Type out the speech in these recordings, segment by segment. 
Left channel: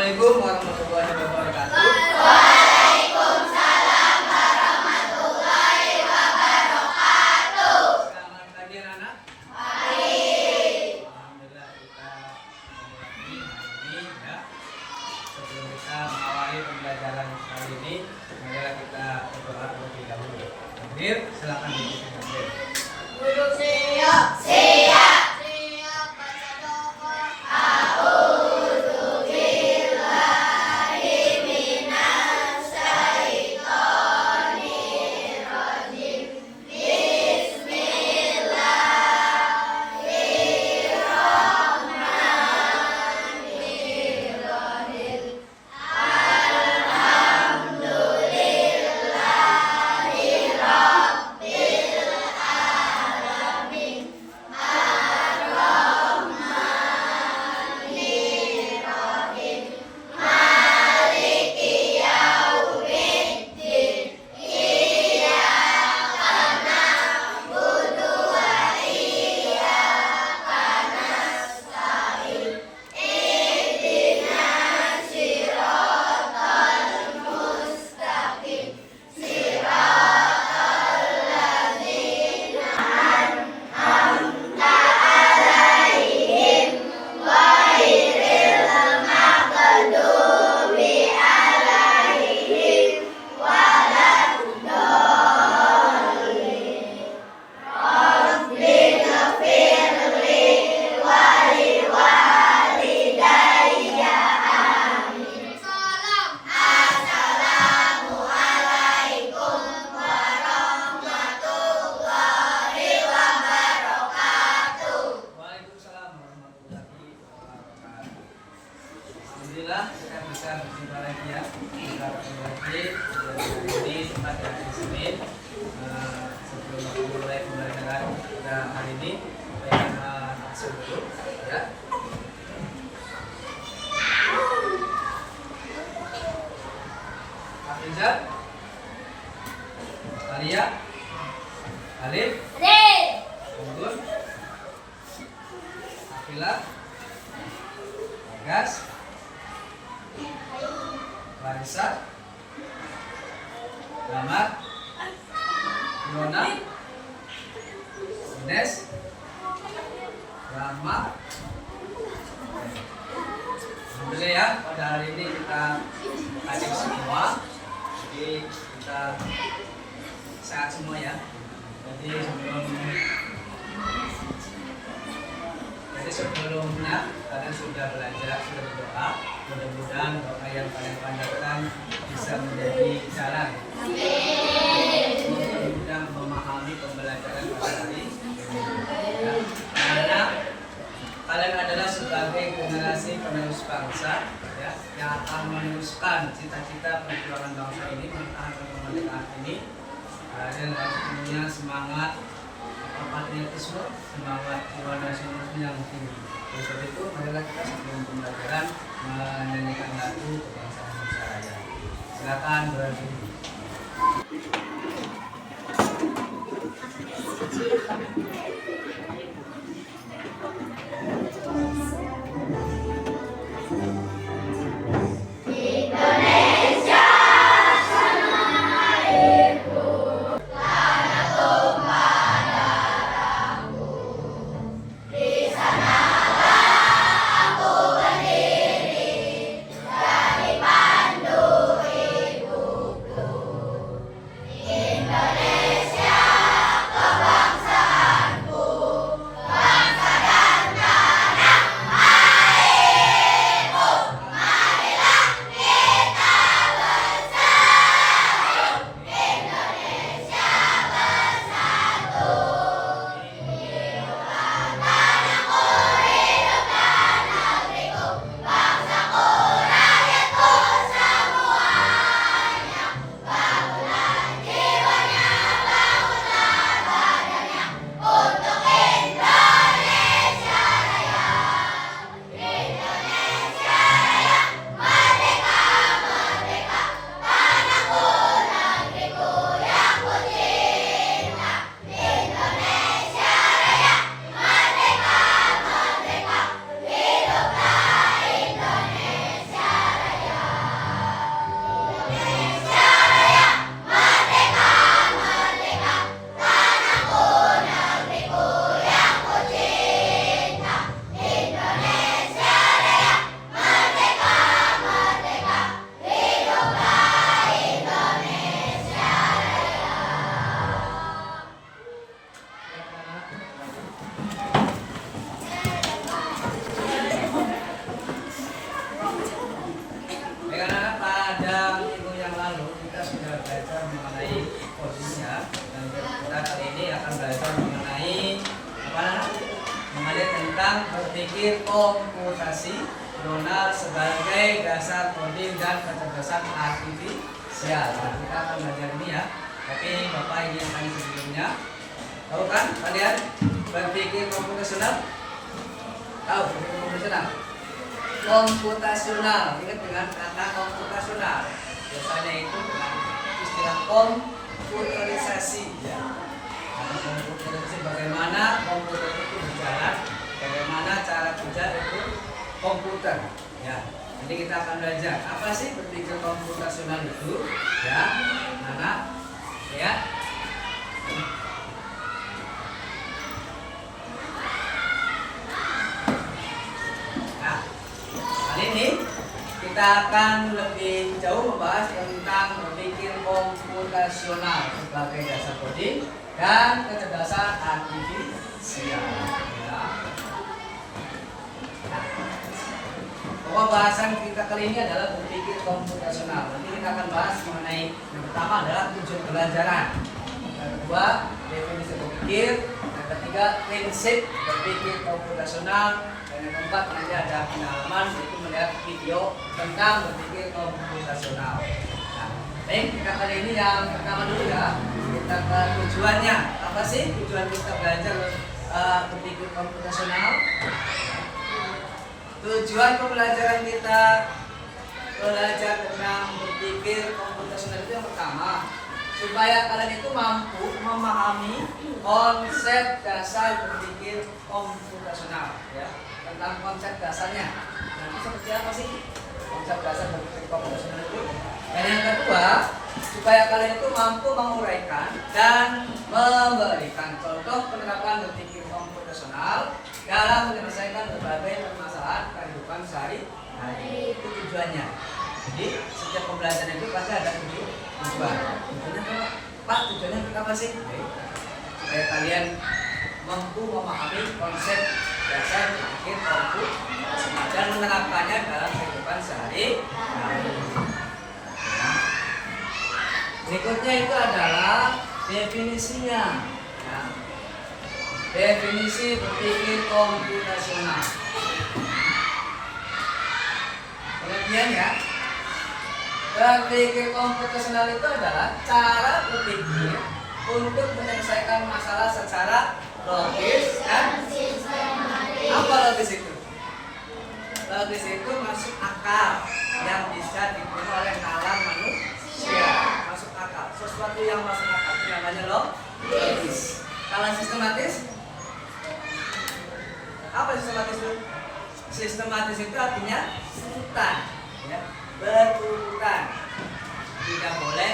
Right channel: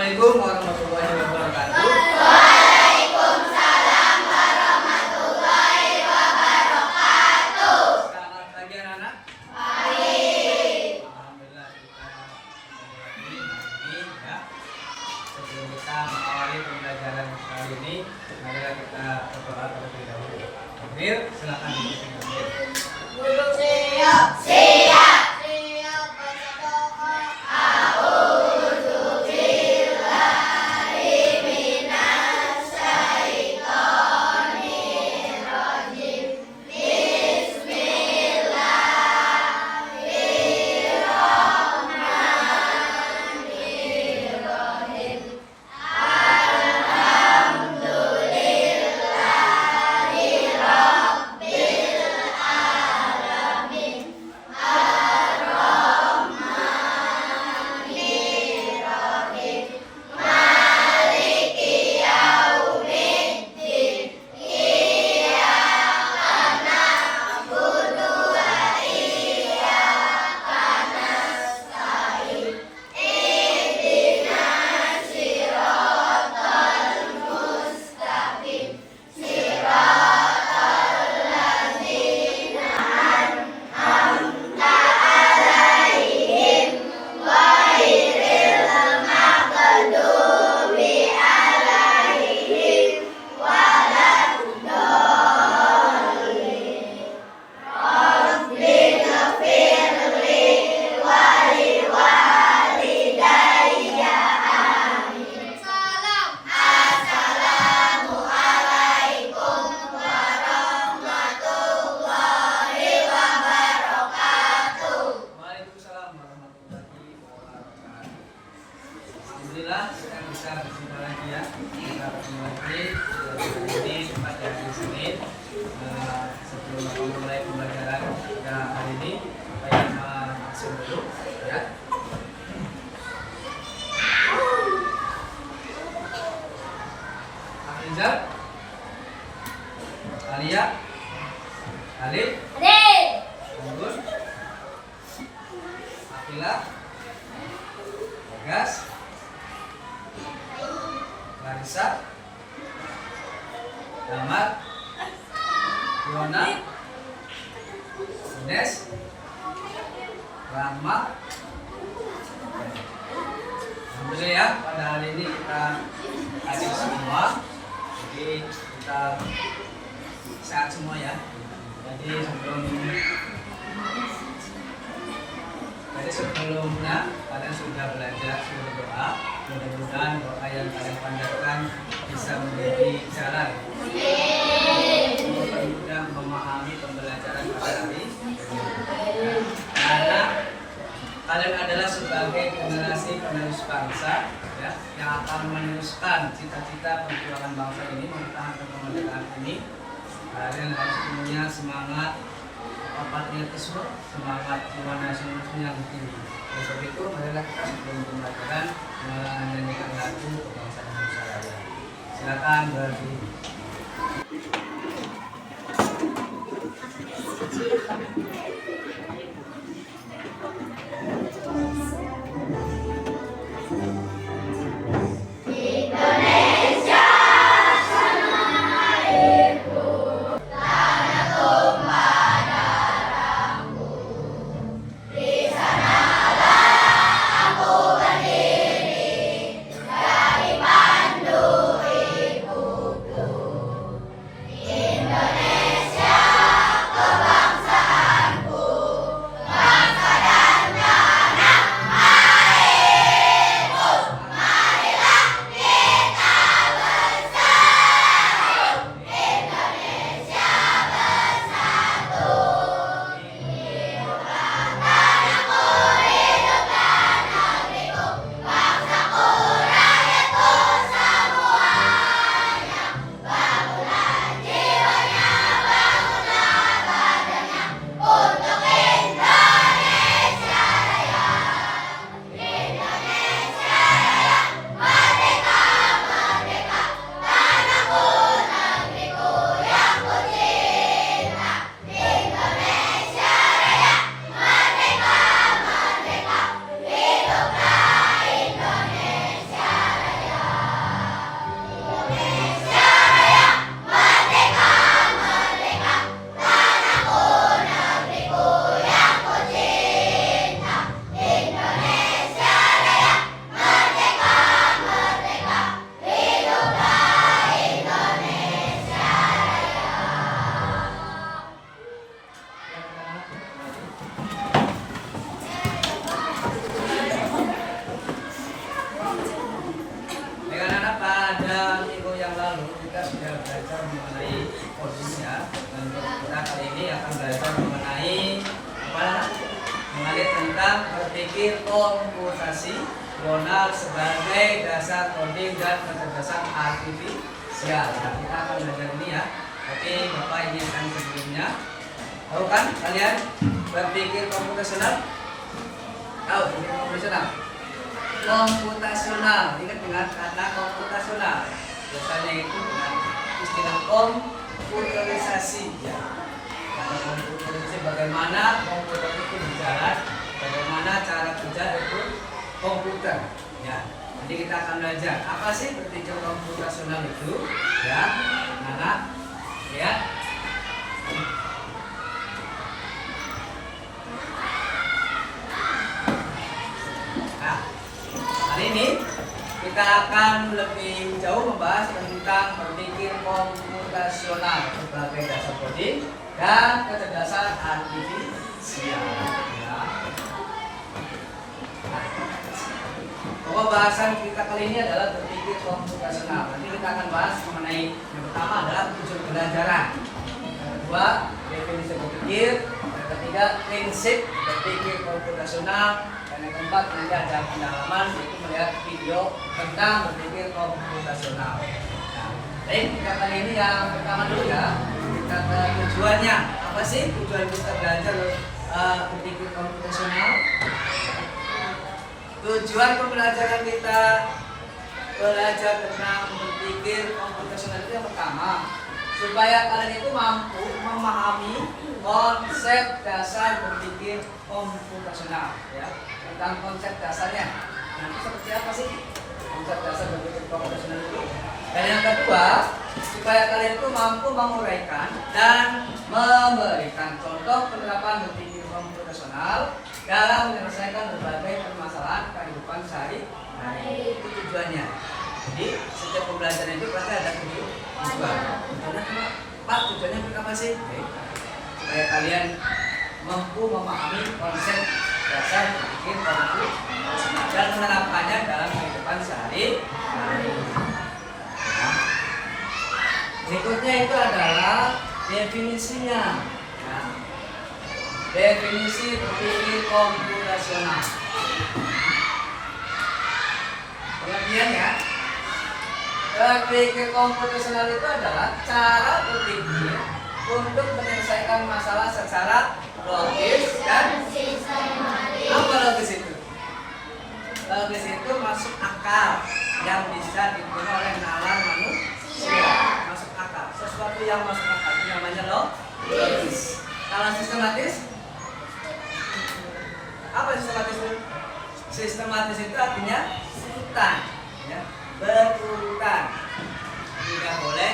Assalamualaikum warahmatullahi wabarakatuh. Waalaikumsalam warahmatullahi wabarakatuh. Selamat pagi anak-anak. Pagi. Alhamdulillah kita mulai hari ini ya. Sebelum kita mengawali pembelajaran kali ini, marilah kita berdoa terlebih dahulu. Takbir, silakan dipimpin takbir. Duduk siap. Siap. Siap baca doa. A'udzu billahi minas syaitonir rajim. Bismillahirrahmanirrahim. Alhamdulillahi rabbil alamin. Ar-Rahmanir-Rahim. Maliki yaumiddin. Iyyaka na'budu wa iyyaka nasta'in. Ihdinas siratal mustaqim. Siratal ladzina an'amta 'alaihim ghairil maghdubi 'alaihim waladdallin. Rabbighfirli wa liwalidayya. Amin. Assalamualaikum warahmatullahi wabarakatuh. Waalaikumsalam warahmatullahi wabarakatuh. Alhamdulillah kita bisa berjumpa lagi ya. Kita bertemu lagi ini tepat di hari Senin. Sebelum kita mulai pembelajaran pada hari ini, kita yang absen dulu ya. Afrizal, Alia, Alif, Anggun, Afila, Gas, Larissa, Damar, Fiona, Ines, Rahma. Alhamdulillah ya, pada hari ini kita hadir semua. Jadi kita sehat semua ya. Jadi sebelumnya kalian sudah belajar, sudah berdoa. Mudah-mudahan doa yang kalian panjatkan bisa menjadi jalan untuk mudah memahami pembelajaran pada hari ini. Ya. Karena kalian adalah sebagai generasi penerus bangsa ya, yang akan meneruskan cita-cita perjuangan bangsa ini, mempertahankan kemerdekaan ini. Kalian harus punya semangat patriotisme, semangat jiwa nasionalisme yang tinggi. Oleh sebab itu, marilah kita sebelum pembelajaran menyanyikan lagu kebangsaan Indonesia Raya. Silakan berdiri. Indonesia tanah airku, tanah tumpah darahku. Di sanalah aku berdiri, dari pandu ibuku. akan belajar mengenai apa? Mengenai tentang berpikir komputasional sebagai dasar coding dan kecerdasan artifisial. Nah, kita akan belajar ini ya. Tapi Bapak izinkan sebelumnya. Tahu kan kalian berpikir komputasional? Tahu berpikir komputasional? Komputasional, ingat dengan kata komputasional. Biasanya itu dengan istilah komputerisasi ya. Karena komputerisasi bagaimana komputer itu berjalan, bagaimana cara kerja itu komputer ya. Nanti kita akan belajar apa sih berpikir komputasional itu ya, anak ya. Nah, kali ini kita akan lebih jauh membahas tentang berpikir komputasional sebagai dasar coding dan kecerdasan artifisial. Ya. Nah, pokok bahasan kita kali ini adalah berpikir komputasional. Nanti kita akan bahas mengenai yang pertama adalah tujuan pembelajaran, yang kedua definisi berpikir, yang ketiga prinsip berpikir komputasional, dan yang keempat nanti ada pendalaman yaitu melihat video tentang berpikir komputasional. Nah, baik, kita kali ini yang pertama dulu ya. Kita ke tujuannya. Apa sih tujuan kita belajar berpikir komputasional? Tujuan pembelajaran kita belajar tentang berpikir komputasional itu yang pertama, supaya kalian itu mampu memahami konsep dasar berpikir komputasional ya, tentang konsep dasarnya. Nah, itu seperti apa sih konsep dasar berpikir komputasional itu? Dan yang kedua, supaya kalian itu mampu menguraikan dan memberikan contoh penerapan berpikir komputasional dalam menyelesaikan berbagai permasalahan kehidupan sehari-hari. Itu tujuannya. Jadi setiap pembelajaran itu pasti ada tujuan. Tujuannya apa? Pak, tujuannya apa sih? Supaya kalian mampu memahami konsep dasar berpikir komputasional dan menerapkannya dalam kehidupan sehari-hari. Ya. Berikutnya itu adalah definisinya. Ya. Definisi berpikir komputasional. Pengertian ya. Berpikir komputasional itu adalah cara berpikir untuk menyelesaikan masalah secara logis dan sistematis. Apa logis itu? Logis itu masuk akal yang bisa diterima oleh nalar manusia. Masuk akal. Sesuatu yang masuk akal itu namanya logis. Kalau sistematis? Apa sistematis itu? Sistematis itu artinya urutan, ya, berurutan. Tidak boleh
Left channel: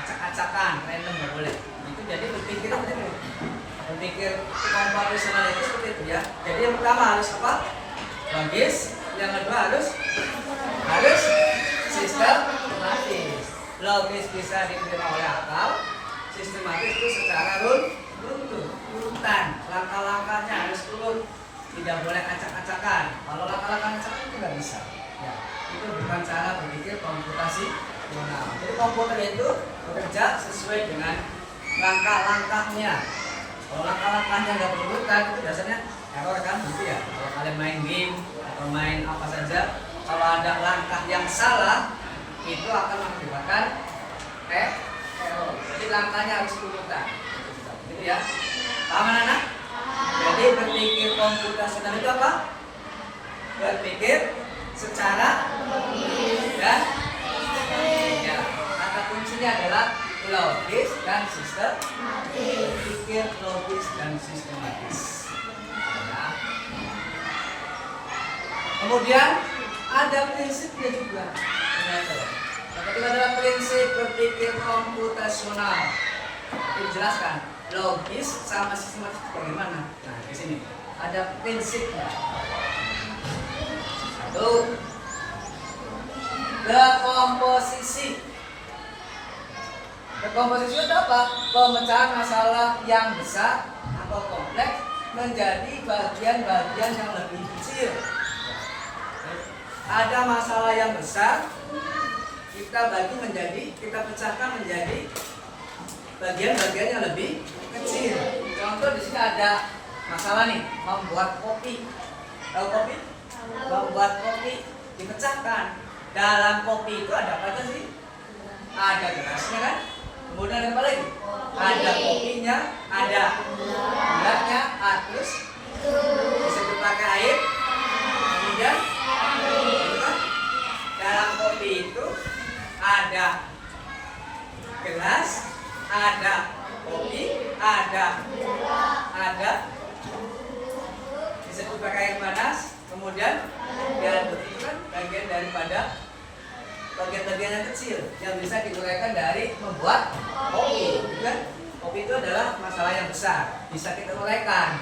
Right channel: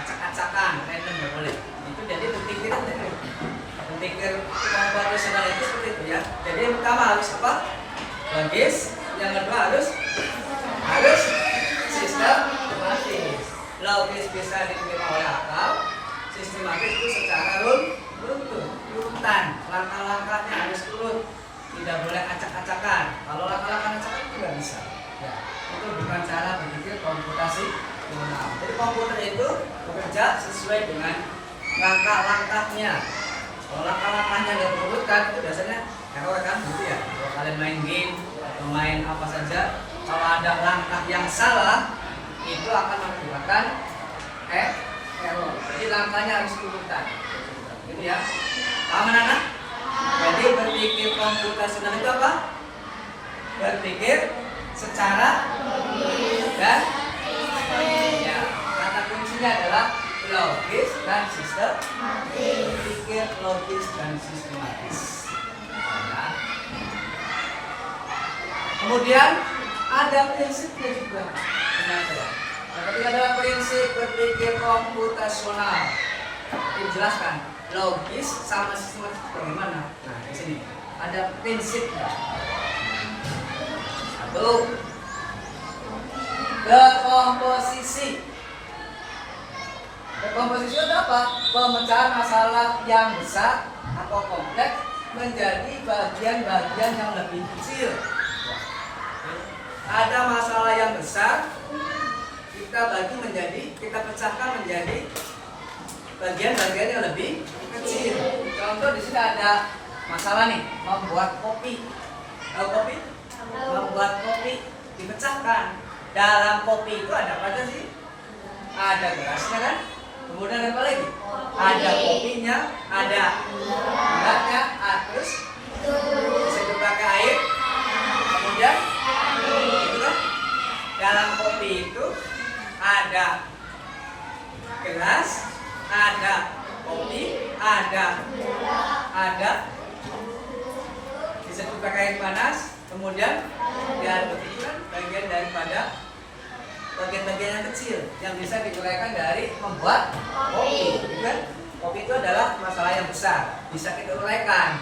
acak-acakan, random nggak boleh. Itu jadi berpikir komputasional itu seperti itu ya. Jadi yang pertama harus apa? Logis. Yang kedua harus sistematis. Logis bisa diterima oleh akal. Sistematis itu secara runtun, urutan, langkah-langkahnya harus urut, tidak boleh acak-acakan. Kalau langkah-langkah acak itu nggak bisa. Ya, itu bukan cara berpikir komputasional. Jadi komputer itu bekerja sesuai dengan langkah-langkahnya. Kalau langkah-langkahnya nggak berurutan itu biasanya error kan, gitu ya. Kalau kalian main game atau main apa saja, kalau ada langkah yang salah itu akan mengakibatkan error. Jadi langkahnya harus urutan. Gitu ya. Paham anak? Jadi berpikir komputasional itu apa? Berpikir secara dan ya, kata kuncinya adalah logis dan sistematis. Berpikir logis dan sistematis. Ya. Kemudian ada prinsipnya juga. Ketika adalah prinsip berpikir komputasional, dijelaskan logis sama sistematis bagaimana. Nah, di sini ada prinsipnya. Satu, dekomposisi. Dekomposisi itu apa? Pemecahan masalah yang besar atau kompleks menjadi bagian-bagian yang lebih kecil. Ada masalah yang besar, kita pecahkan menjadi bagian-bagian yang lebih Contoh di sini ada masalah nih, membuat kopi. Tahu kopi? Membuat kopi dipecahkan. Dalam kopi itu ada apa aja sih? Ada gelasnya kan? Kemudian apa lagi? Ada kopinya, ada gulanya, terus bisa dipakai air. Kemudian, gitu kan? Dalam kopi itu ada gelas, ada kopi, ada bisa dipakai air panas, kemudian diaduk. Itu kan bagian daripada bagian-bagian yang kecil yang bisa diuraikan dari membuat kopi, kan? Kopi itu adalah masalah yang besar, bisa kita uraikan.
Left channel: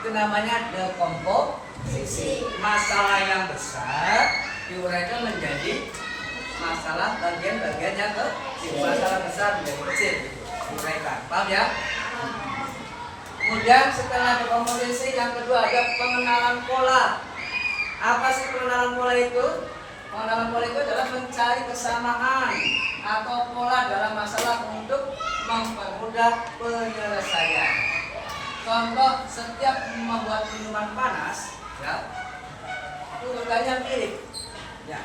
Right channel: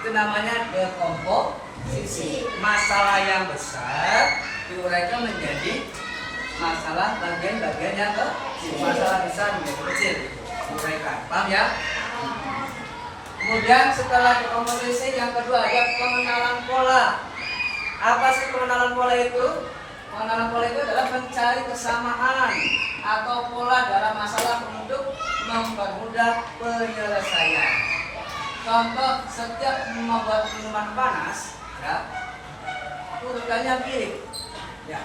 Itu namanya dekomposisi. Masalah yang besar diuraikan menjadi masalah bagian-bagian yang kecil. Masalah besar menjadi kecil, diuraikan. Paham ya? Kemudian setelah dekomposisi yang kedua ada pengenalan pola. Apa sih pengenalan pola itu? Pengenalan pola itu adalah mencari kesamaan atau pola dalam masalah untuk mempermudah penyelesaian. Contoh, setiap membuat minuman panas, ya, urutannya mirip. Ya.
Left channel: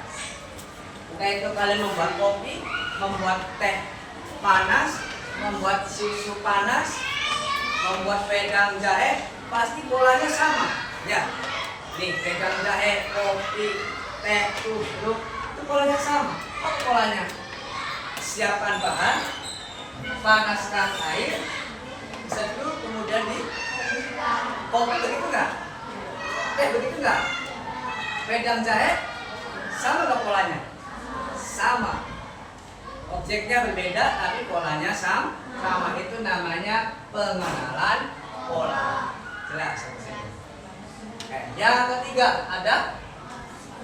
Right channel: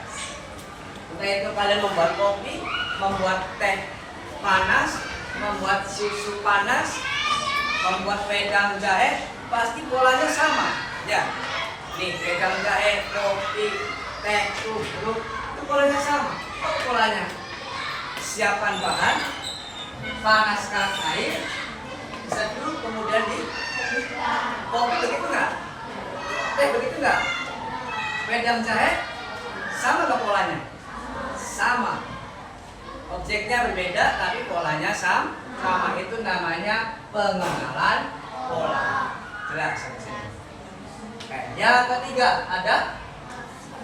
Entah itu kalian membuat kopi, membuat teh panas, membuat susu panas, membuat wedang jahe, pasti polanya sama. Ya, nih wedang jahe, kopi, teh, tubruk, itu polanya sama. Apa polanya? Siapkan bahan, panaskan air, seduh, kemudian di kopi begitu nggak? Teh begitu nggak? Wedang jahe sama nggak polanya? Sama. Objeknya berbeda tapi polanya sama. Itu namanya pengenalan pola. Jelas sampai sini. Yang ketiga ada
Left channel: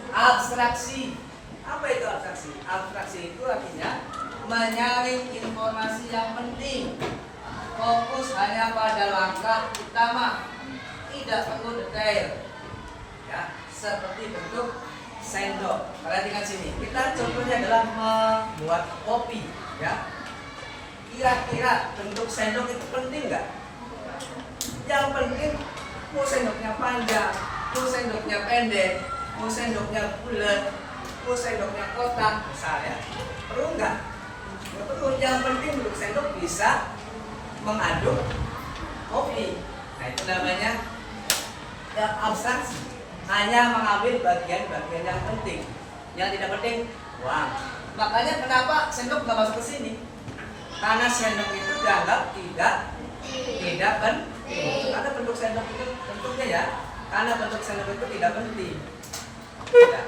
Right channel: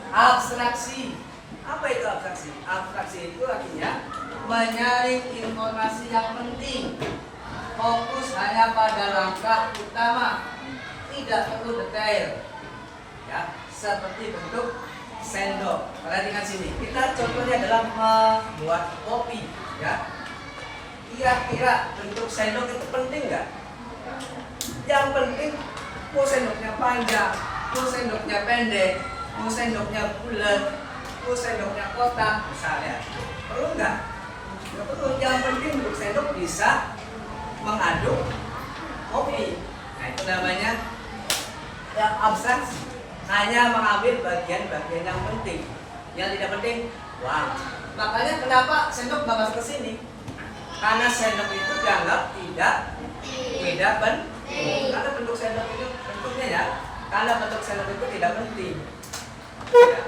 abstraksi. Apa itu abstraksi? Abstraksi itu artinya menyaring informasi yang penting. Fokus hanya pada langkah utama, tidak perlu detail. Ya, seperti bentuk sendok. Perhatikan sini. Kita contohnya adalah membuat kopi, ya. Kira-kira bentuk sendok itu penting nggak? Yang penting mau sendoknya panjang, mau sendoknya pendek, mau sendoknya bulat, mau sendoknya kotak, misalnya. Perlu nggak? Nggak perlu. Yang penting bentuk sendok bisa mengaduk kopi. Nah, itu namanya abstraksi. Hanya mengambil bagian-bagian yang penting. Yang tidak penting, buang. Makanya kenapa sendok nggak masuk ke sini? Karena sendok itu dianggap tidak penting. Karena bentuk sendok itu bentuknya ya. Karena bentuk sendok itu tidak penting. Ya,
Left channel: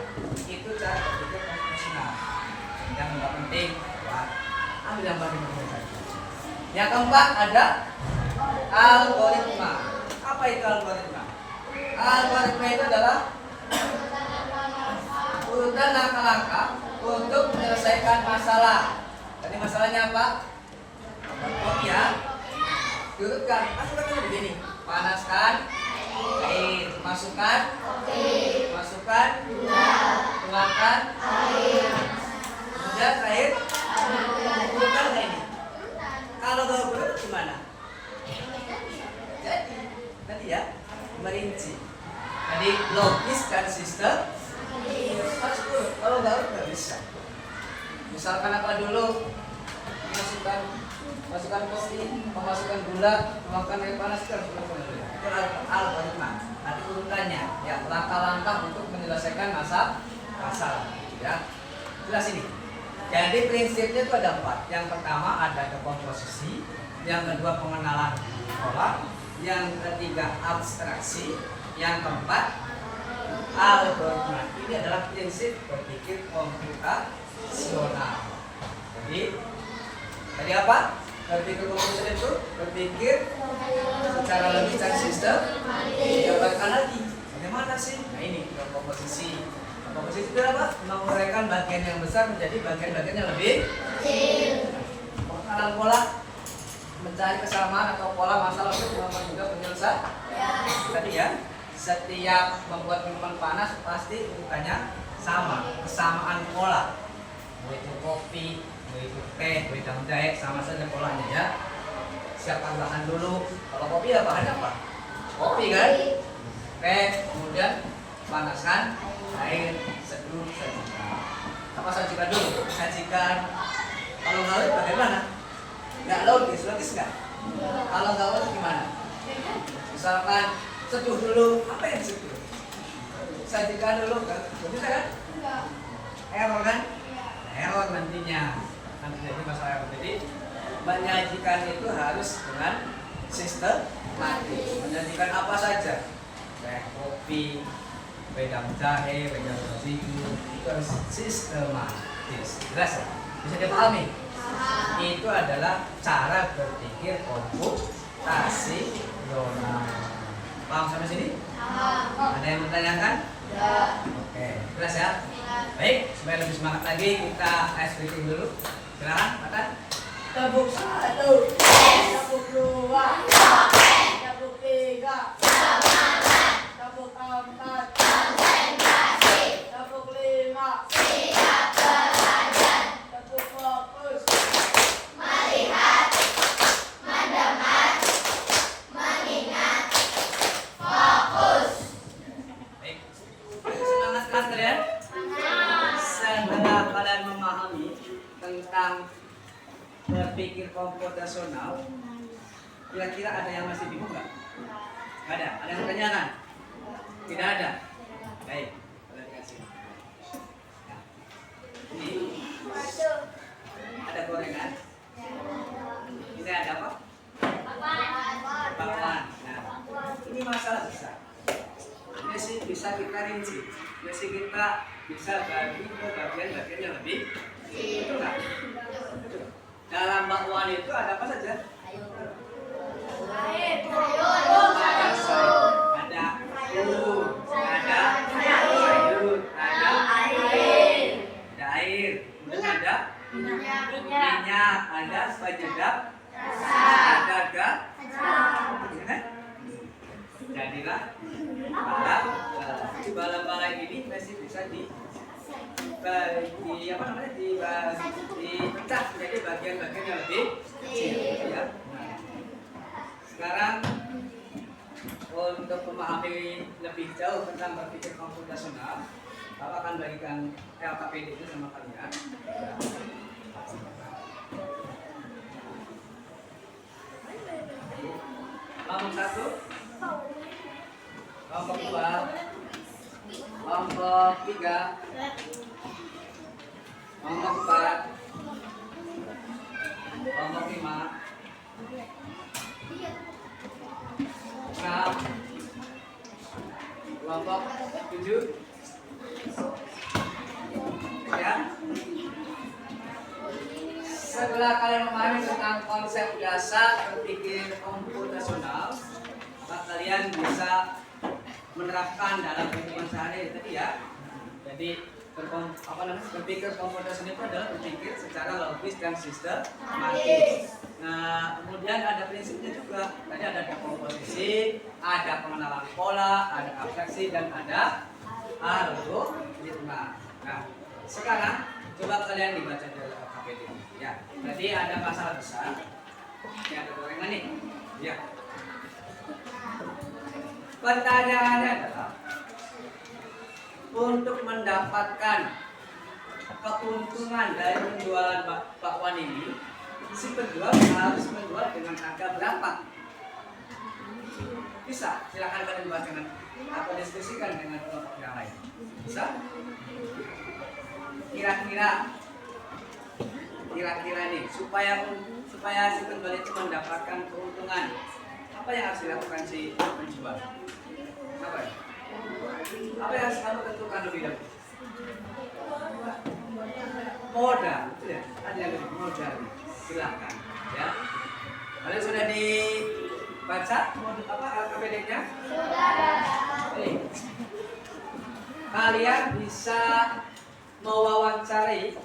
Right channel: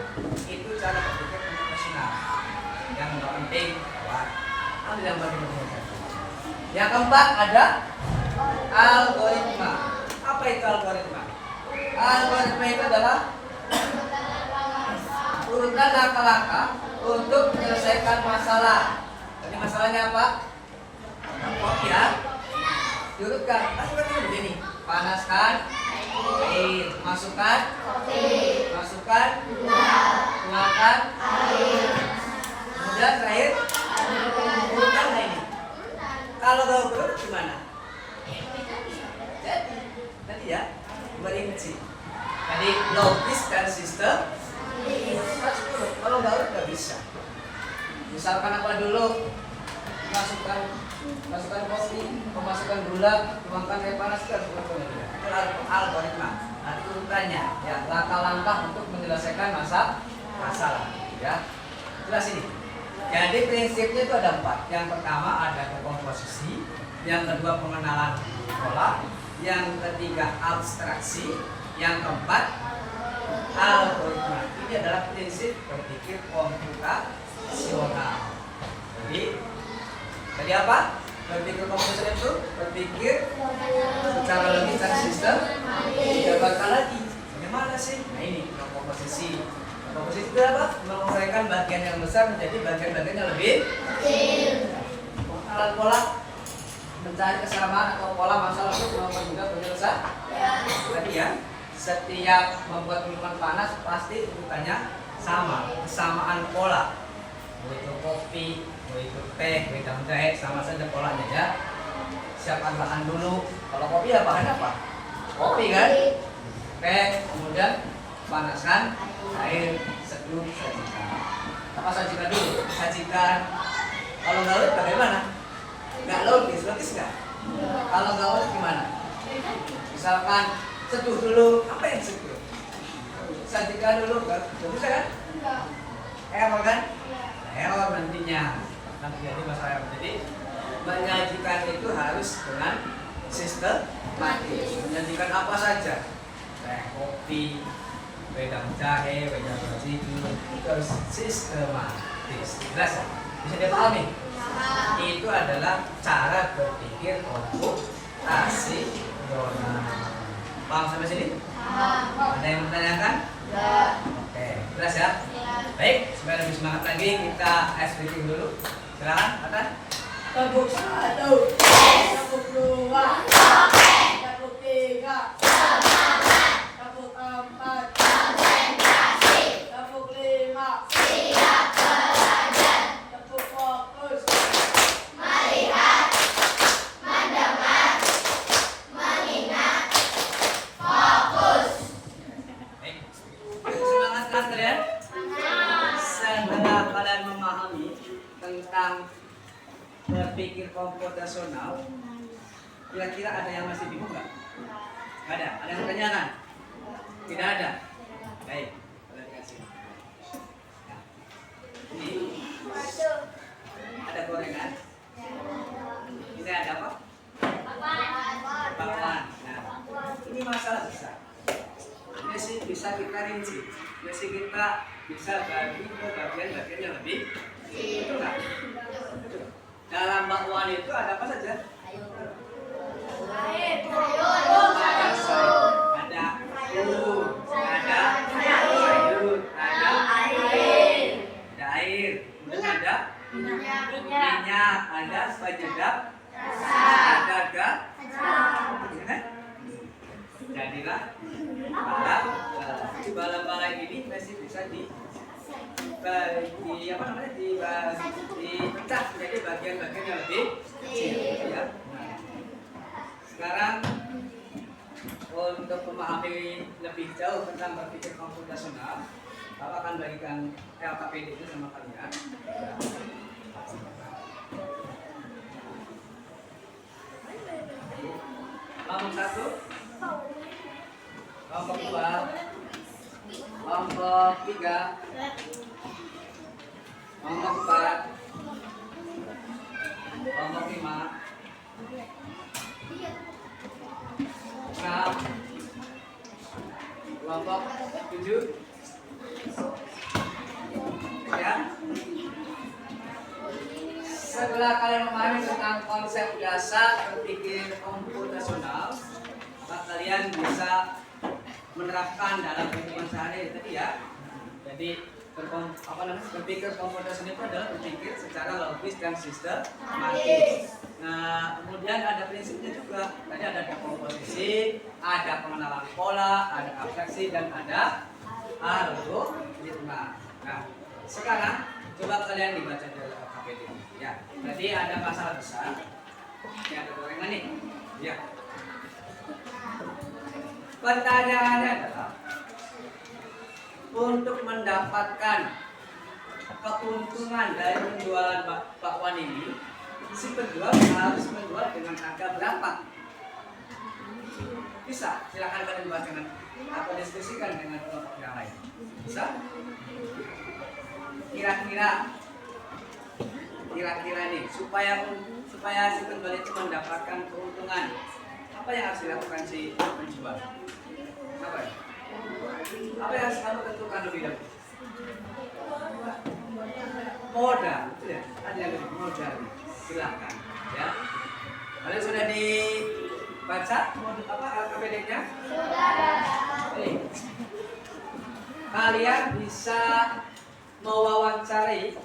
itu cara berpikir konvensional. Yang nggak penting, buang. Ambil yang penting saja. Yang keempat ada algoritma. Apa itu algoritma? Algoritma itu adalah urutan langkah-langkah untuk menyelesaikan masalah. Jadi masalahnya apa? Kopi ya. Diurutkan. Masukkan dulu begini. Panaskan air. Masukkan kopi. Masukkan gula. Tuangkan air. Kemudian terakhir urutkan ini. Kalau gak urut gimana? Jadi tadi ya merinci. Tadi logis dan sistem harus urut. Kalau nggak urut nggak bisa. Misalkan apa dulu? Masukkan kopi, memasukkan gula, tuangkan air panas dan itu algoritma. Nanti urutannya, ya langkah-langkah untuk menyelesaikan masalah. Ya, jelas ini. Jadi prinsipnya itu ada 4. Yang pertama ada dekomposisi, yang kedua pengenalan pola, yang ketiga abstraksi, yang keempat algoritma. Ini adalah prinsip berpikir komputasional. Jadi apa? Berpikir komputasional itu berpikir secara logis dan sistem. Jabarkan lagi. Bagaimana sih? Nah ini komposisi. Komposisi itu apa? Menguraikan bagian yang besar menjadi bagian-bagian yang lebih kecil. Pengenalan pola, mencari kesamaan atau pola masalah itu juga penyelesaian. Tadi ya, setiap membuat minuman panas pasti urutannya sama, kesamaan pola. Mau itu kopi, mau itu teh, wedang jahe, sama saja polanya ya. siapkan bahan dulu. Kalau kopi ya bahannya apa? Kopi kan? Oke, kemudian panaskan air, seduh, sajikan. Apa sajikan dulu? Sajikan. Kalau nggak logis bagaimana? Nggak logis nggak? Kalau nggak logis gimana? Misalkan seduh dulu, apa yang seduh? Sajikan dulu, nggak bisa kan? Error kan? Error nantinya. Nanti jadi masalah error. Jadi menyajikan itu harus dengan sistematis. Menyajikan apa saja? Teh, kopi, wedang jahe, wedang terigu, itu harus sistematis. Jelas ya? Bisa dipahami? Itu adalah cara berpikir komputasional. Paham sampai sini? Ada yang bertanyakan? Oke, jelas ya? Baik, supaya lebih semangat lagi kita ice breaking dulu. Silakan, Atan. Tepuk 1, tepuk 2, tepuk 3, tepuk 4, tepuk 5, tepuk fokus. Baik. Semangat kelas kalian? Setelah kalian memahami tentang berpikir komputasional, kira-kira ada yang masih bingung nggak? Nggak ada. Ada yang bertanyakan? Tidak ada. Baik. Boleh dikasih. Nah, ini ada gorengan. Ini ada apa? Bakwan. Nah, ini masalah besar. Ini sih bisa kita rinci. Ini sih kita bisa bagi ke bagian-bagian yang lebih. Betul nggak? Betul. Dalam bakwan itu ada apa saja? Ada sayur, ada bumbu, ada sayur, ada air, kemudian ada minyak, ada penyedap, ada gas. Ya kan? Jadilah bala ini masih bisa dipecah menjadi bagian-bagian yang lebih kecil ya. Nah, sekarang untuk memahami lebih jauh tentang berpikir komputasional, Bapak akan bagikan LKPD itu sama kalian. Kelompok 1, kelompok 2, kelompok 3, kelompok 4, kelompok 5, 6, kelompok 7, ya. Setelah kalian memahami tentang konsep dasar berpikir komputasional, maka kalian bisa menerapkan dalam kehidupan sehari-hari tadi ya. Jadi berpikir komputasional itu adalah berpikir secara logis dan sistematis. Nah, kemudian ada prinsipnya juga. Tadi ada dekomposisi, ada pengenalan pola, ada abstraksi, dan ada algoritma. Nah, sekarang coba kalian dibaca dari LKPD. Ya, jadi ada masalah besar. Ini ada gorengan nih. Ya. Pertanyaannya adalah untuk mendapatkan keuntungan dari penjualan bakwan ini, si penjual harus menjual dengan harga berapa? Bisa, silakan kalian bahas dengan atau diskusikan dengan kelompok yang lain. Bisa? Kira-kira nih supaya si penjual itu mendapatkan keuntungan, apa yang harus dilakukan si penjual? Apa ya? Apa yang harus kamu tentukan lebih dahulu? Modal, ya? Ada yang lebih modal, silakan, ya. Kalian sudah dibaca modul apa LKPD-nya? Sudah. Kalian bisa mewawancari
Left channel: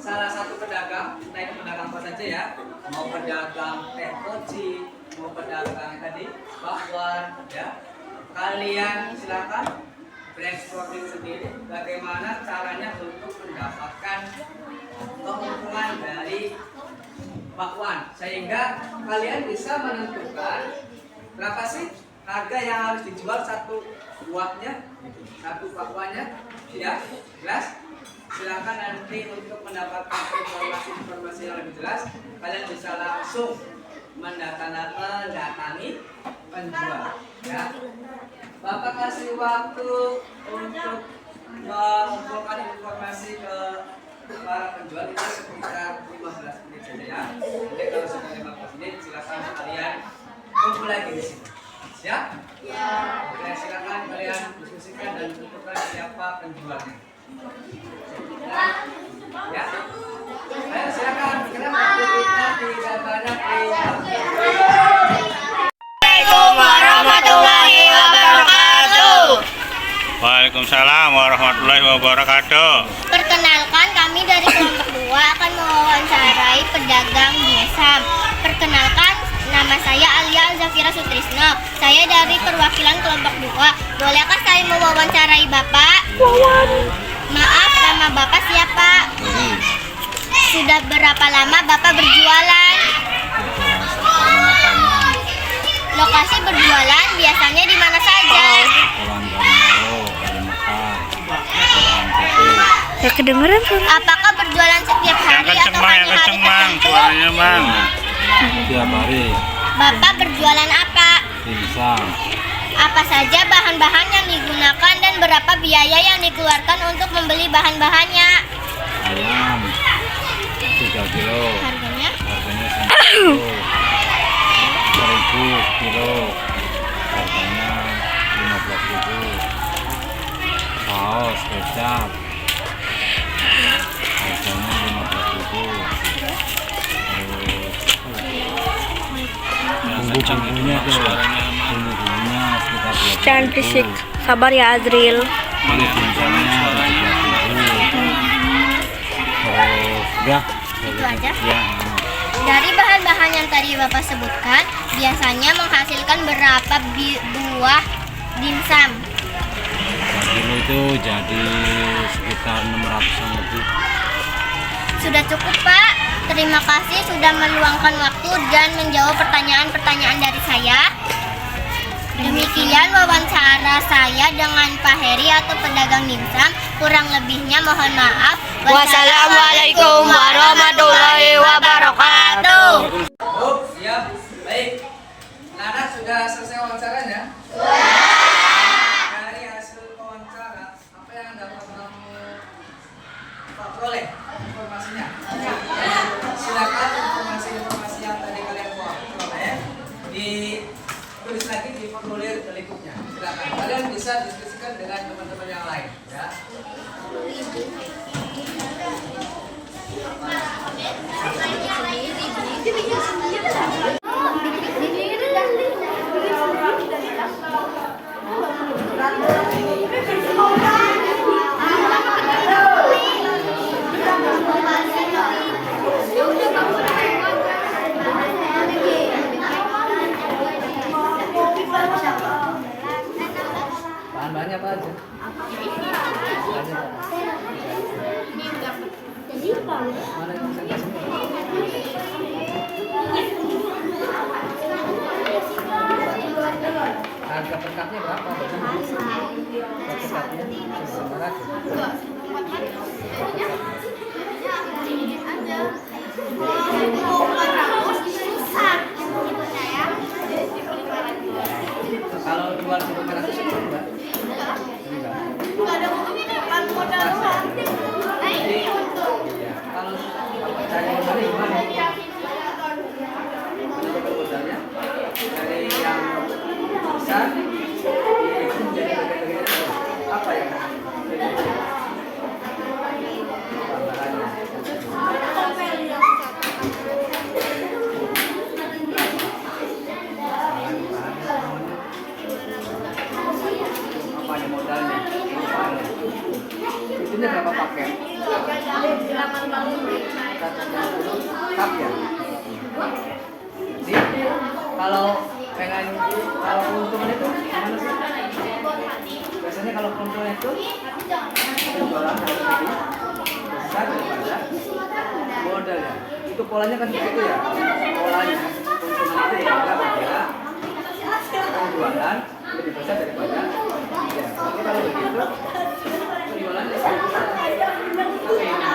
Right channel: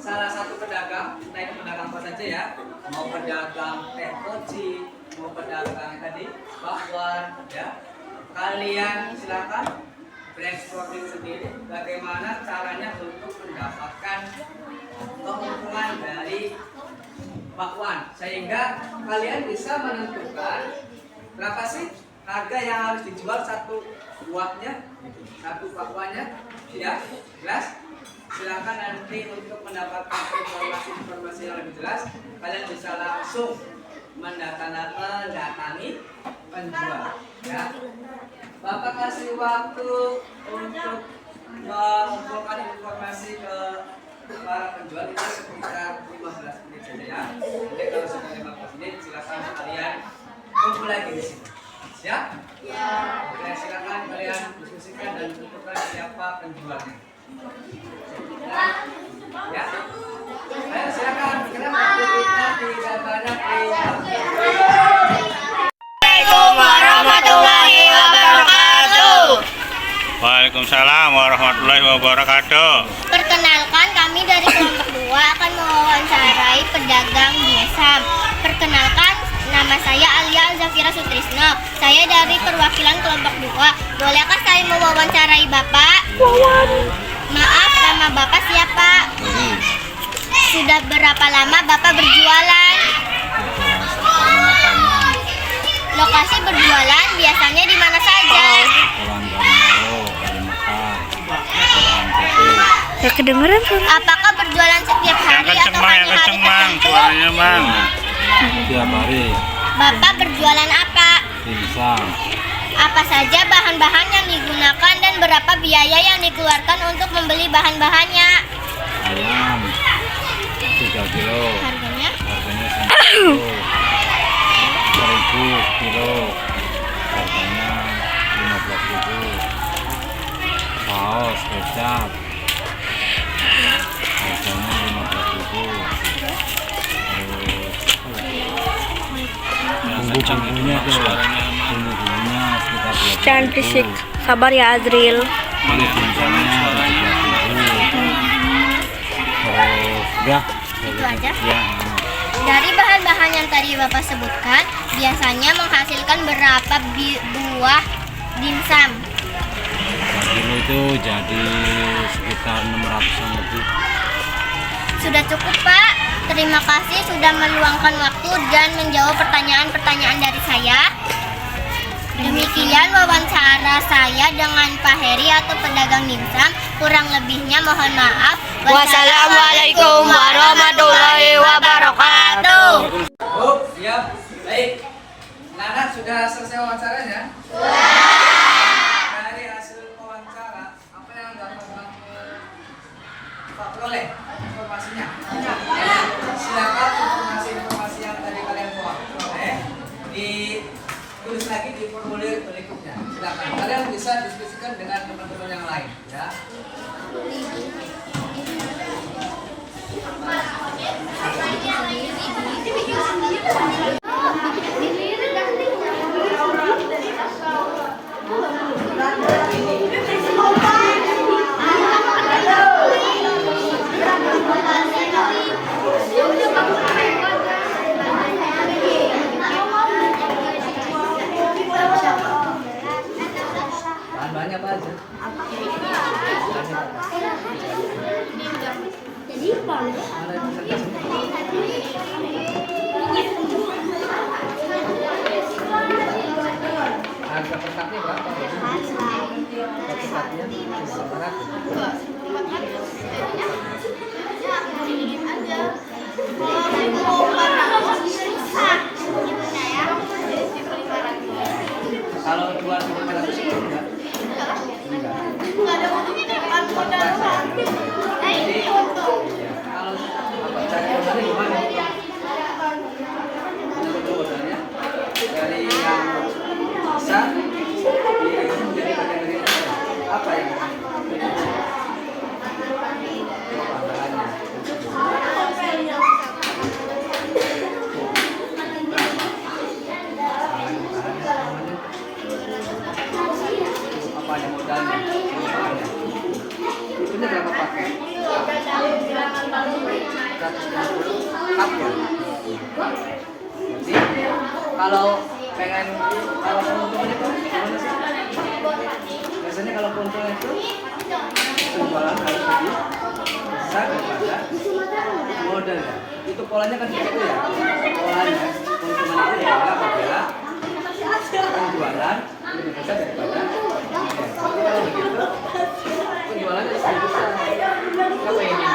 salah satu pedagang, entah itu pedagang apa saja ya, mau pedagang teh koci, mau pedagang tadi bakwan, ya. Kalian silakan brainstorming sendiri bagaimana caranya untuk mendapatkan keuntungan dari bakwan, sehingga kalian bisa menentukan berapa sih harga yang harus dijual satu buahnya, satu bakwannya, ya, jelas? Silakan nanti untuk mendapatkan informasi yang lebih jelas, kalian bisa langsung mendatangi penjual, ya. Bapak kasih waktu untuk mengumpulkan informasi ke para penjual itu sekitar 15 menit saja, ya. Jadi kalau sudah 15 menit silakan kalian kumpul lagi di sini. Siap? Ya. Oke, silakan kalian diskusikan dan tentukan siapa penjualnya. Ya. Ayo silakan, karena waktu kita tidak banyak. Assalamualaikum warahmatullahi wabarakatuh. Waalaikumsalam warahmatullahi wabarakatuh. Perkenalkan, kami dari kelompok 2 akan mewawancarai pedagang dimsum. Perkenalkan, nama saya Alia Zafira Sutrisno. Saya dari perwakilan kelompok 2. Bolehkah saya mewawancarai Bapak? Maaf, nama Bapak siapa? Sudah berapa lama Bapak berjualan? Lokasi berjualan biasanya di mana saja? Ya kedengeran tuh. Apakah berjualan setiap hari atau hanya hari tertentu? Suaranya mang. Tiap hari Bapak berjualan apa? dimsum Apa saja bahan-bahan yang digunakan dan berapa biaya yang dikeluarkan untuk membeli bahan-bahannya? ayam 3 kilo, Harganya? harganya 1.000 kilo, harganya 15.000. Saus kecap harganya 15.000. Terus bumbu-bumbunya tuh, bumbu-bumbunya sekitar 20.000. Jangan berisik. Sabar ya Azril. Kulit dimsumnya 17.000. Terus udah Itu aja? ya. Dari bahan-bahan yang tadi Bapak sebutkan, biasanya menghasilkan berapa buah dimsum? Per kilo itu jadi sekitar 600-an lebih. Sudah cukup, Pak. Terima kasih sudah meluangkan waktu dan menjawab pertanyaan-pertanyaan dari saya. Demikian wawancara saya dengan Pak Heri atau pedagang dimsum. Kurang lebihnya mohon maaf. Wassalamualaikum warahmatullahi wabarakatuh. Oh, siap. Baik. Nana sudah selesai wawancaranya? Dari hasil wawancara, apa yang dapat kamu peroleh informasinya? Silakan informasi yang tadi kalian peroleh ditulis lagi di formulir berikutnya. Silakan. Kalian bisa diskusikan dengan teman-teman yang lain, ya. Bahan-bahannya apa aja? Mana yang presentasinya? Harga per cupnya berapa? Satu cupnya 500. Kalau jual 500 itu enggak? Enggak. Jadi, ya, kalau Bapak cari modalnya gimana? Menurut modalnya dari yang besar jadi bagian apa yang bahannya? Apa aja modalnya? Ini berapa paket? 150 cup ya? Jadi kalau pengen kalau keuntungan itu gimana sih? Biasanya kalau keuntungan itu penjualan harus lebih besar daripada modalnya. Itu polanya kan kayak itu ya. Polanya keuntungan itu ya apabila penjualan lebih besar daripada modal. Jadi kalau begitu penjualannya lebih besar. Apa ini?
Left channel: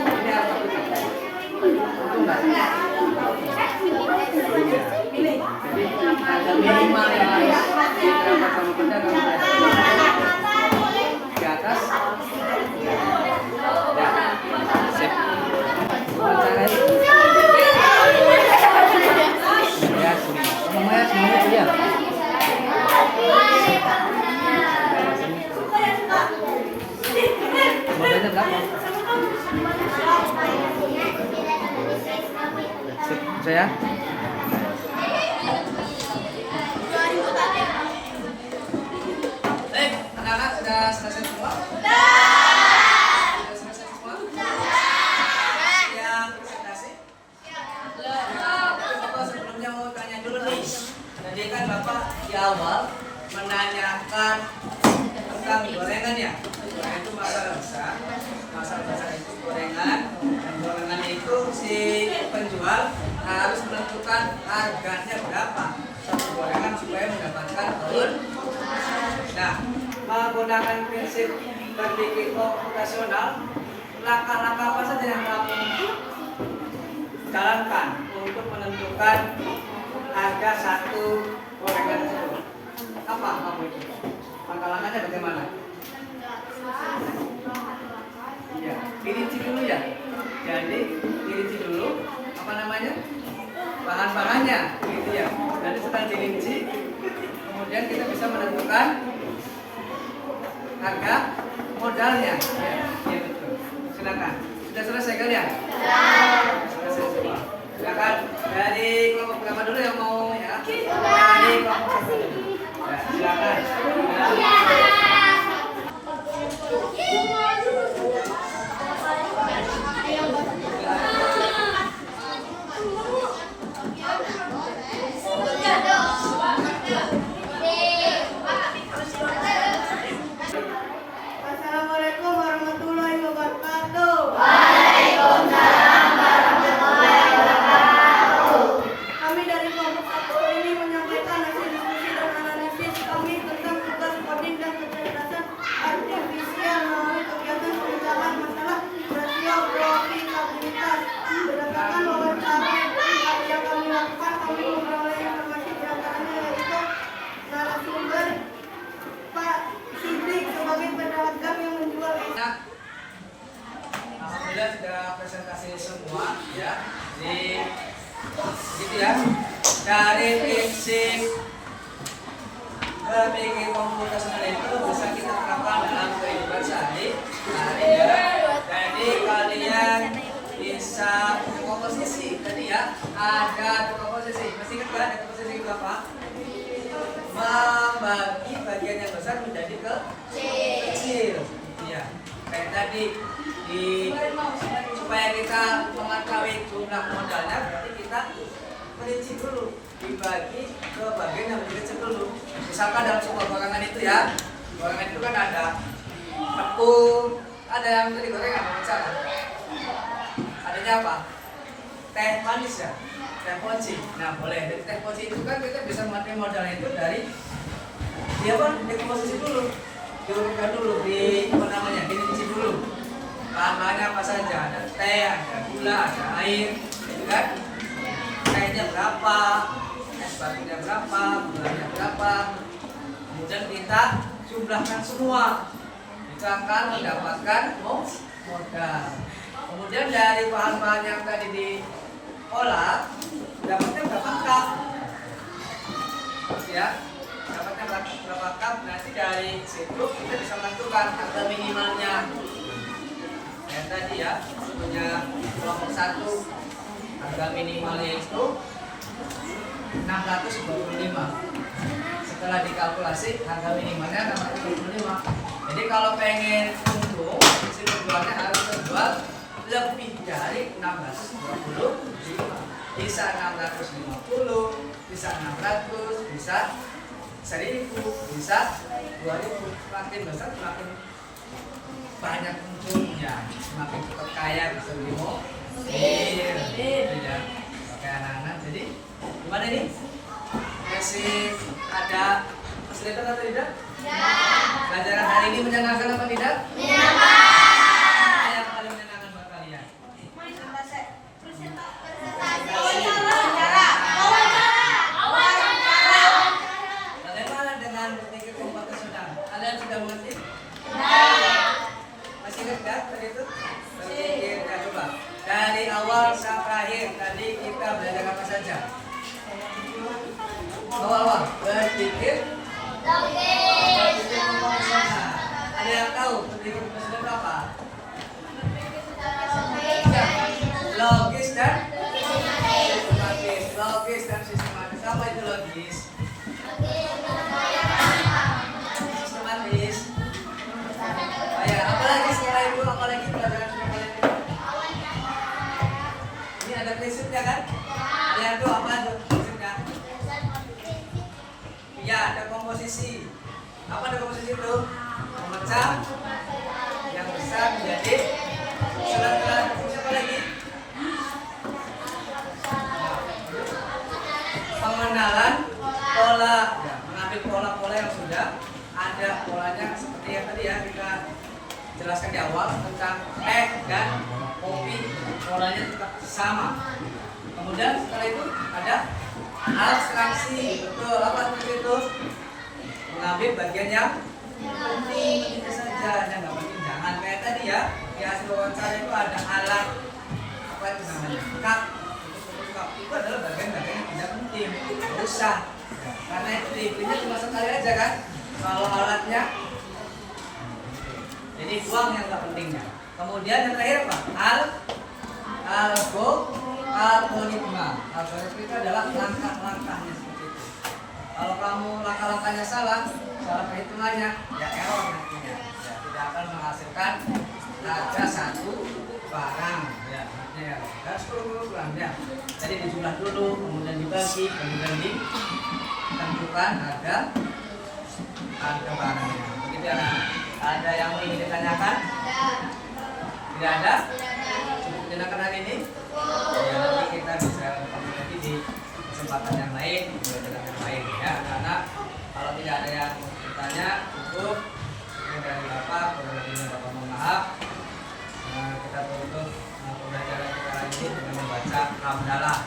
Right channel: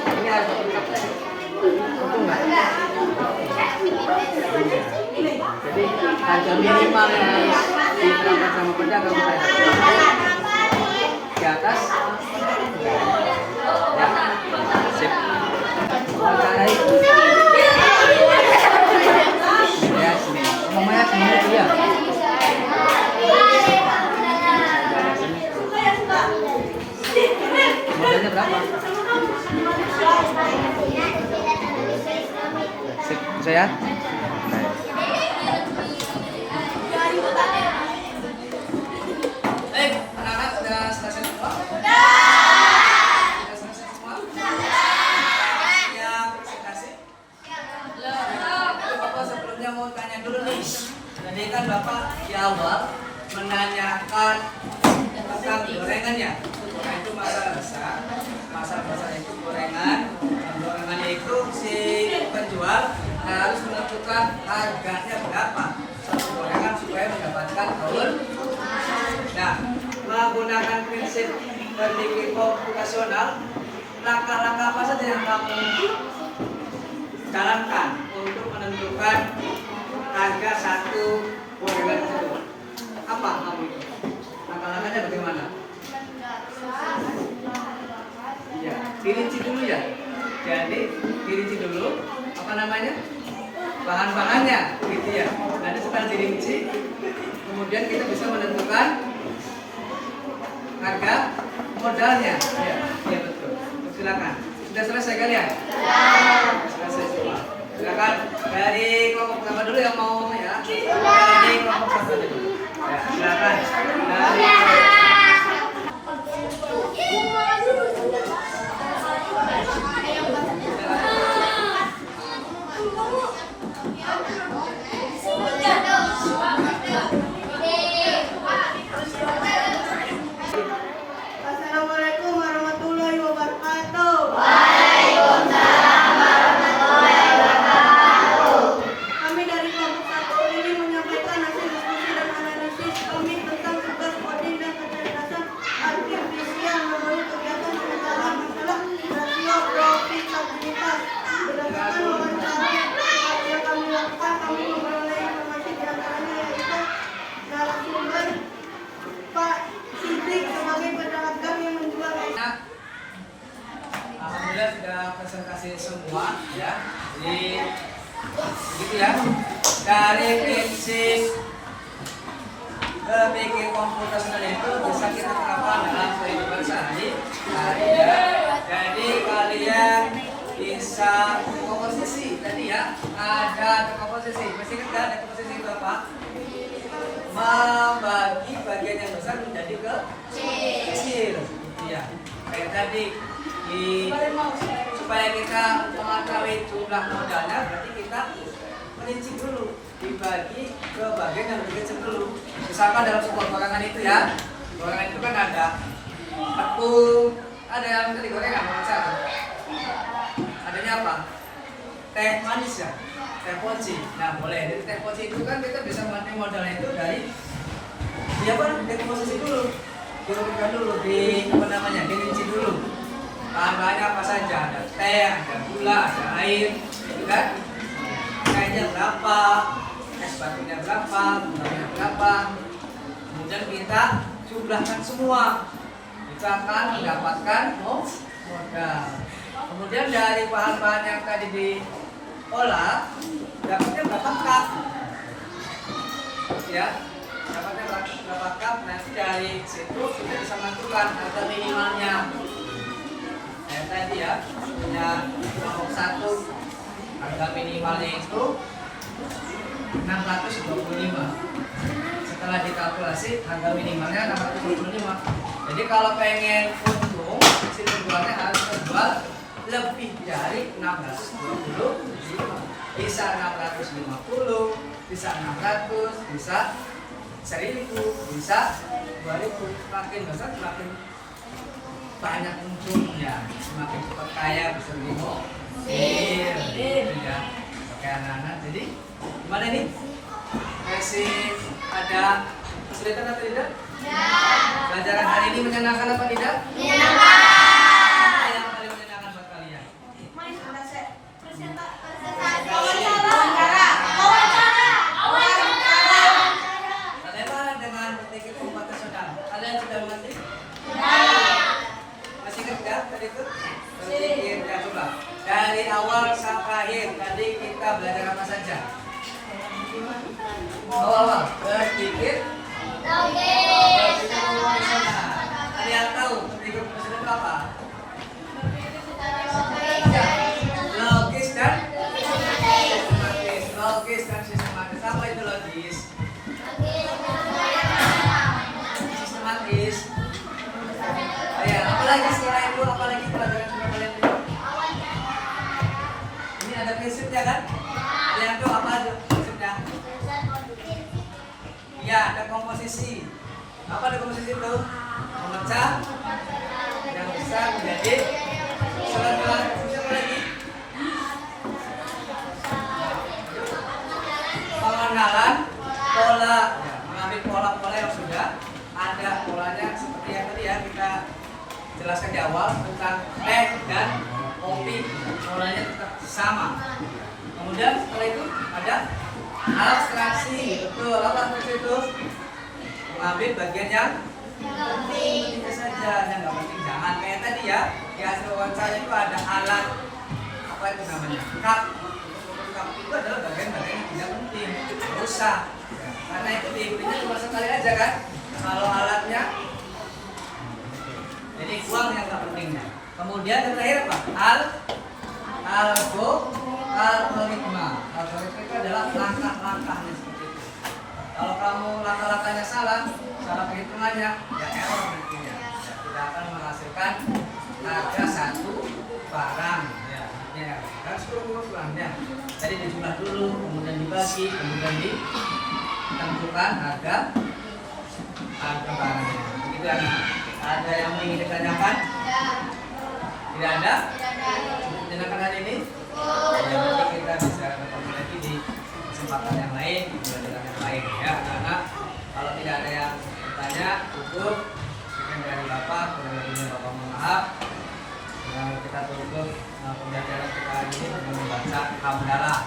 Ini harga berapa? Untung nggak? Iya. Jadi harga minimal yang harus diterapkan sama pedagang di atas ya sip wawancarai ya sini mamanya semuanya tuh ya modalnya berapa sip saya anak-anak sudah selesai semua? Sudah selesai semua? Siap presentasi? Bapak sebelumnya mau tanya dulu nih. Tadi kan Bapak di awal menanyakan tentang gorengannya. Gorengan itu masalah besar. Masalah besar itu gorengan. Dan gorengannya itu si penjual harus menentukan harganya berapa satu gorengan supaya mendapatkan tahun. Nah, menggunakan prinsip berpikir komputasional, langkah-langkah apa saja yang kamu jalankan untuk menentukan harga satu gorengan tersebut? Apa kamu itu? Langkah-langkahnya bagaimana? Ya, dirinci dulu ya. Jadi dirinci dulu apa namanya? Bahan-bahannya, gitu ya. Nanti setelah dirinci, kemudian kita bisa menentukan harga modalnya. Ya, ya betul. Silakan. Sudah selesai kali ya? Selesai semua. Silakan dari kelompok pertama dulu yang mau ya. Dari kelompok pertama dulu. Ya, silakan. Assalamualaikum warahmatullahi wabarakatuh. Kami dari kelompok 1 ini menyampaikan hasil diskusi dan analisis kami tentang tugas coding dan kecerdasan artifisial melalui kegiatan pembicaraan masalah rasio profitabilitas. Berdasarkan wawancara yang kami lakukan, kami memperoleh informasi diantaranya yaitu narasumber Pak Sidik sebagai pedagang yang menjual Alhamdulillah sudah presentasi semua ya. Jadi gitu ya. Dari prinsip berpikir komputasional itu bisa kita terapkan dalam kehidupan sehari-hari ya. Jadi kalian bisa berkomposisi tadi ya. Ada berkomposisi. Masih ingat kan ada komposisi itu apa? Membagi bagian yang besar menjadi kecil. Iya. Kayak tadi supaya kita mengetahui jumlah modalnya berarti kita merinci dulu, dibagi ke bagian yang lebih kecil dulu. Misalkan dalam sebuah gorengan itu ya, gorengan itu kan ada tepung, ada yang tadi gorengan misalkan. Adanya apa? Teh manis ya, teh poci. Nah boleh, dari teh poci itu kan kita bisa mengambil modalnya itu dari dekomposisi dulu, diurutkan dulu, dirinci dulu. Bahan-bahannya apa saja, ada teh, ada gula, ada air, gitu kan? Tehnya berapa, es batunya berapa, gulanya berapa. Kemudian kita jumlahkan semua, kita akan mendapatkan modal. Kemudian dari bahan-bahan yang tadi diolah, dapatnya berapa cup? Ya, dapatnya berapa cup? Nanti dari situ kita bisa menentukan harga minimalnya. Kayak tadi ya, punya kelompok 1 harga minimalnya itu 625. Setelah dikalkulasi harga minimalnya 625. Jadi kalau pengen untung, si penjualnya harus terjual lebih dari 625. Bisa 650, bisa 600, bisa 1000, bisa 2000. Semakin besar semakin banyak untungnya, semakin cepat kaya bisa lebih mobil, gitu ya. Pakai anak-anak. Jadi gimana ini? Masih ada kesulitan atau tidak? Ya. Pelajaran hari ini menyenangkan apa tidak? Apa yang paling menyenangkan buat kalian? Bagaimana dengan berpikir keempatnya saudara? Kalian sudah mengerti? Masih ingat tidak tadi itu? Berpikir, ya coba. Dari awal sampai akhir tadi kita belajar apa saja? Awal berpikir. Ada yang tahu berpikir presiden itu apa? Logis dan sistematis. Logis dan sistematis. Apa itu logis? Sistematis. Oh ya, apalagi setelah itu, apalagi pelajaran sudah kalian itu? Ini ada prinsipnya kan? Ada yang tahu apa aja prinsipnya? Ya, ada komposisi. Apa ada komposisi itu? Memecah yang besar menjadi sela-sela. Apa lagi? Pengenalan pola. Ya, mengambil pola-pola yang sudah ada polanya seperti yang tadi ya kita jelaskan di awal tentang teh dan kopi. Polanya tetap sama. Kemudian setelah itu ada abstraksi. Betul, apa abstraksi itu? Mengambil bagian yang penting saja, yang nggak penting jangan. Kayak tadi ya, di hasil wawancara itu ada alat apa itu namanya? Cup. Cup itu adalah bagian-bagian yang tidak penting, nggak usah. Ya, karena itu dipilih cuma sekali aja kan. Kalau alatnya, jadi buang yang nggak pentingnya. Kemudian yang terakhir apa? Algoritma. Algoritma itu adalah langkah-langkahnya seperti itu. Kalau kamu langkah-langkahnya salah perhitungannya, ya error nantinya. Ya, tidak akan menghasilkan harga satu barang. Ya, ya. Dan 10 barangnya. Jadi dijumlah dulu, kemudian dibagi, kemudian ditentukan harga barangnya. Begitu ya, anak. Ada yang ingin ditanyakan? Tidak ada? Cukup menyenangkan hari ini? Ya, nanti kita bisa bertemu lagi di kesempatan yang lain, di pelajaran yang lain ya anak-anak. Kalau tidak ada yang bertanya, cukup. Sekian dari Bapak, kurang lebihnya Bapak mohon maaf. Kita tutup pembelajaran kita hari ini dengan membaca hamdalah.